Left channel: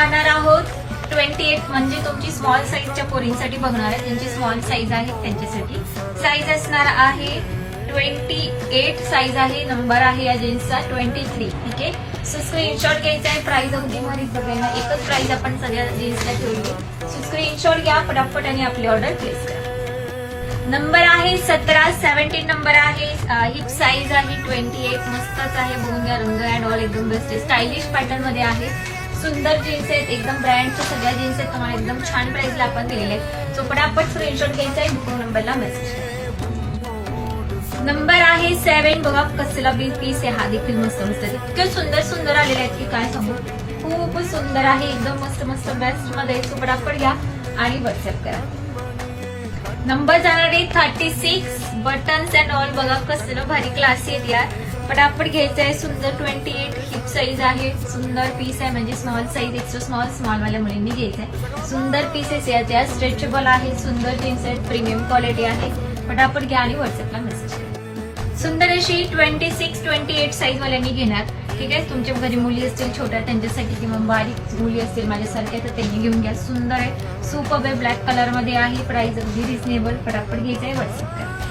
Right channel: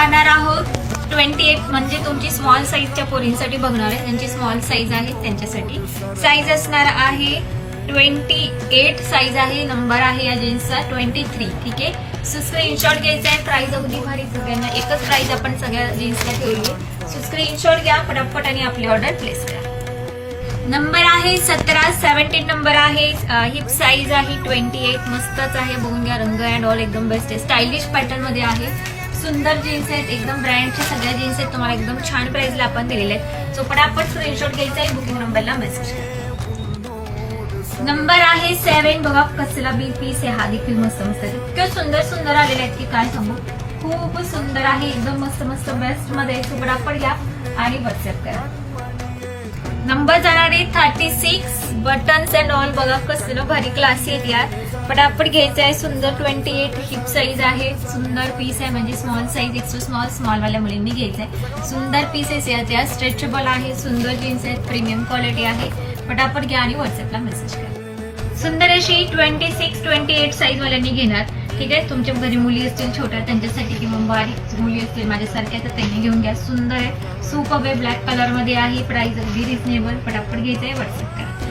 पाहणार आहोत 28 म्हणजे तुमची स्मॉल साईजच्या पोरींसाठी बघणार आहे. त्यांची स्मॉल साईज आहे त्यांच्यासाठी. साईज असणार आहे 28 साईज आहे. नंबर आहे या जीन्सचा 23. ठीक आहे. सो स्क्रीनशॉट घ्यायचा आहे. प्राइस अगदी भारी सगळ्यांना एकच प्राइस आपण सगळ्या जीन्सला ठेवली. सो स्क्रीनशॉट घ्या पटापट आणि आपली ऑर्डर प्लेस करा. नंबर आहे 17, 17 नंबर आहे. हिप साईज आहे 28. मस्तच आहे. बघून घ्या रंग अँड ऑल एकदम बेस्ट आहे. स्टायलिश पॅटर्न मध्ये आहे. सुंदर जीन्स आहेत. एकदम ब्रँडच्या सगळ्या जीन्स आहेत. तुम्हाला एकदम छान प्राइसला आपण दिलेले आहेत. सो पटापट स्क्रीनशॉट घ्यायचा आहे. बुकिंग नंबरला मेसेज करा. नंबर आहे 7. बघा कसला बी पीस आहे. हा देखील मस्त मस्त आहे. इतके सुंदर सुंदर आलेले आहेत की काय सांगू. खूप सुंदर आहे. एकदम मस्त मस्त बेस्ट मध्ये. सो पटापट घ्या आणि व्हॉट्सअप करा. नंबर जाणार आहे 36. बटन्स अँड ऑल बघा कसलं भारी क्लासी आहेत यार. पटापट घ्यायचं आहे. सुंदर 28 हिप साईज आहे. सुंदर पीस आहे म्हणजे स्मॉल साईज एक्स्ट्रा स्मॉल वाल्या मुलींनी घ्यायचं आहे. सुंदर पीसेस आहेत या. स्ट्रेचेबल आहे. सुंदर जीन्स आहेत. प्रीमियम क्वालिटी आहे. पटापट घ्या आणि व्हॉट्सअपला मेसेज करा. सुंदर अशी 26, 28 साईज वाल्यांनी घेणार. ठीक आहे. तुमच्या घरी मुली असतील छोट्या त्यांच्यासाठी किंवा बारीक मुली असतील माझ्यासारख्या तर त्यांनी घेऊन घ्या. सुंदर आहे. सुपर आहे. ब्लॅक कलर मध्ये आहे. प्राइस अगदी रिजनेबल. पटापट घ्यायचं आहे. व्हॉट्सअप करा.